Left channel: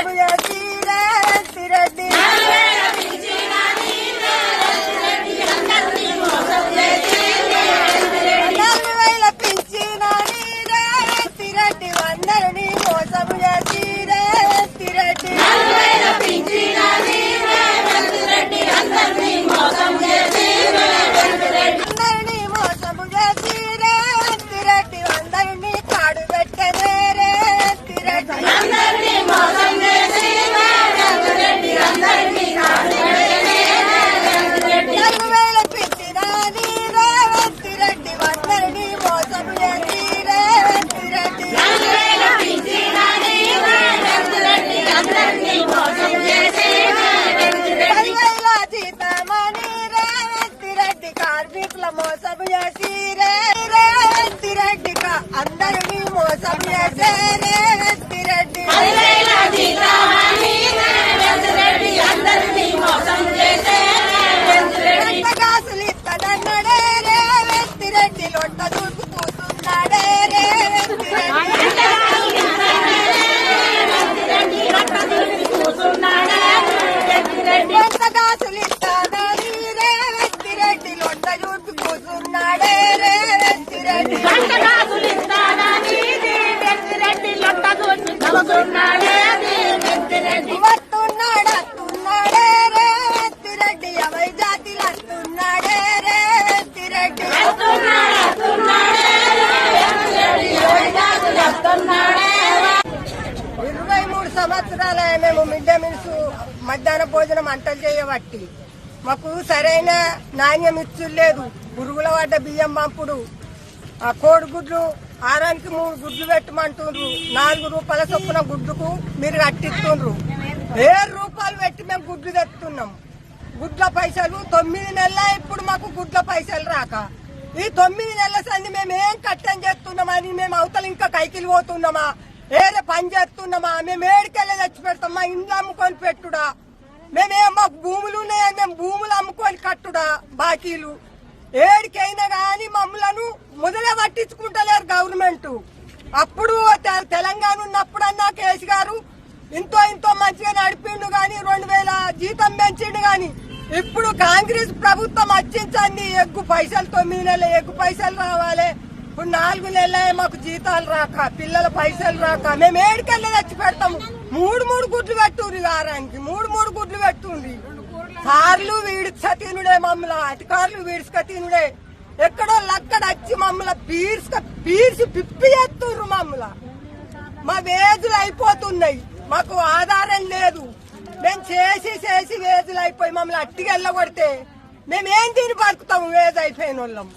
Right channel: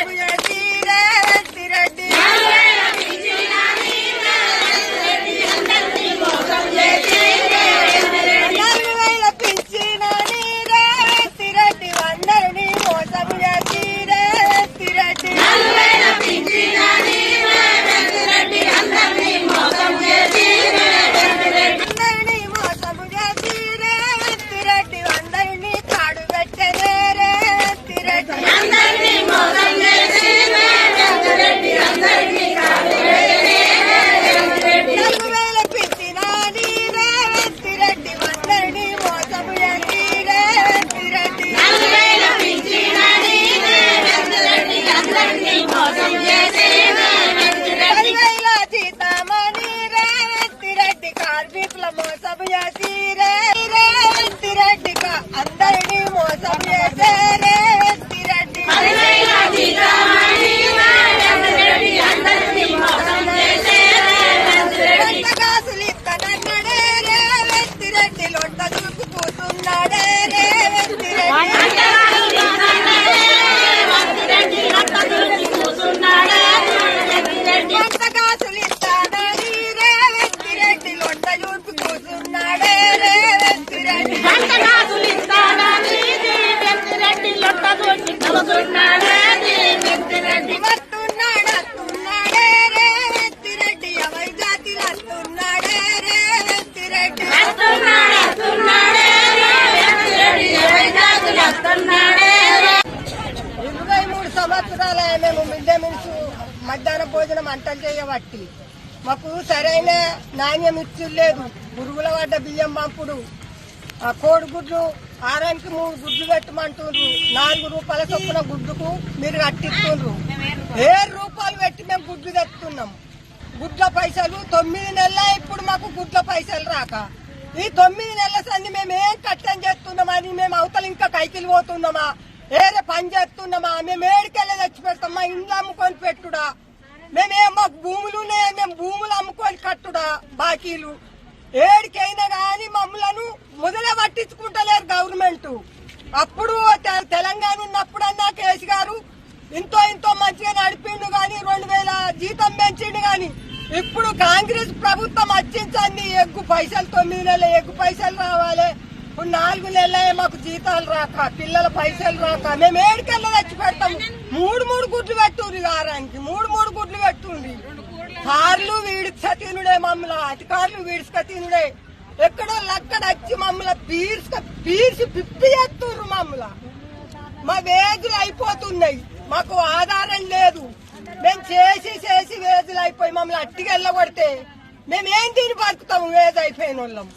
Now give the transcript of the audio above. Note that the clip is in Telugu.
Everywhere. మోసం చేసి రేవంత్ రెడ్డిక అందరినీ మోసం చేసే రేవంత్ రెడ్డి ఇరవై మూడు సంవత్సరాలు మేము మిడ్ డే మీల్స్ మధ్యాహ్న భోజనం అంటలు చేయబట్టి. మాకు సరైన నాణ్యం ఇచ్చులేదు. పురుగుల పడ్డ బియ్యం పంపుడు. ఆ కోడిగుడ్లు ఆరానికి మూడు గుడ్లు పెట్టమంటుండ్రు. నాలుగు రూపాయల చొప్పున గుడ్డుకు మీరు కట్టిస్తుండ్రు ఏడు రూపాయలు పెట్టి మేము గుడ్లు తెస్తున్నాం గుడ్ల పైసలు తొమ్మిది నెలల ఇప్పుడు మాకు గుడ్ల పైసలు రాక. ఈ తొమ్మిది నెలల సంది మేము ఏం కట్టం చేస్తున్నామని మేము అవతల ఇంకా కైకిలు పోతున్నామా? ఏదో పని చేస్తున్నామా? మేము ఏడికెళ్ళి తెచ్చి పెడతామా ఇండ్లు అమ్ముకొని పెట్టుడా? మేమేం మాకు భూములు ఉన్నాయని మేము భూములు అమ్ముకొని కట్టుడా? బాకీలు. ఏడికైనా కానీ మమ్మలను మొదలే పట్టించుకుంటలేరు గవర్నమెంట్ అప్పుడు తెలంగాణ ఉన్నప్పుడన్నా కేసు గారు ఇంతో ఇంతో మంచిగా నడిపిండు గాని రెండు వేల జీతం పెంచిండు గాని ఇప్పుడు కాంగ్రెస్ ప్రభుత్వం వచ్చించండి ఎగ్గు పైసలు తొమ్మిది నెలలు ఎగ్గు పైసలు రావాలి ఇప్పుడు నాలుగు నెలలే మాకు జీతాలు రాక పిల్లల పైసలు రాక మేము ఏడికెళ్ళ తెచ్చి పెడతాము మూడు మూడు గుడ్లు పెట్టుండ్రి వారానికి మూడు మూడు గుడ్లు పెట్టుండ్రి. కార్లు వీడిస్క తినుడే మమ్మల అధికారులు వీడిస్క తినుడే. ఎక్కడో లక్కడ వచ్చి మమ్మల పీర్స్క పీర్చి పిప్పి చేస్తుండ్రు మమ్మల మా వేదులు అయిపోతున్నాయి. మాకు ఆధారం లేదు. మేము చేసి చేసి వేదులు అయిపోయి మమ్మల్ని అట్టికి వెళ్ళగొడితే మేమేం తిని బతుకుతాము? వేది అయిపోయిన వాళ్ళం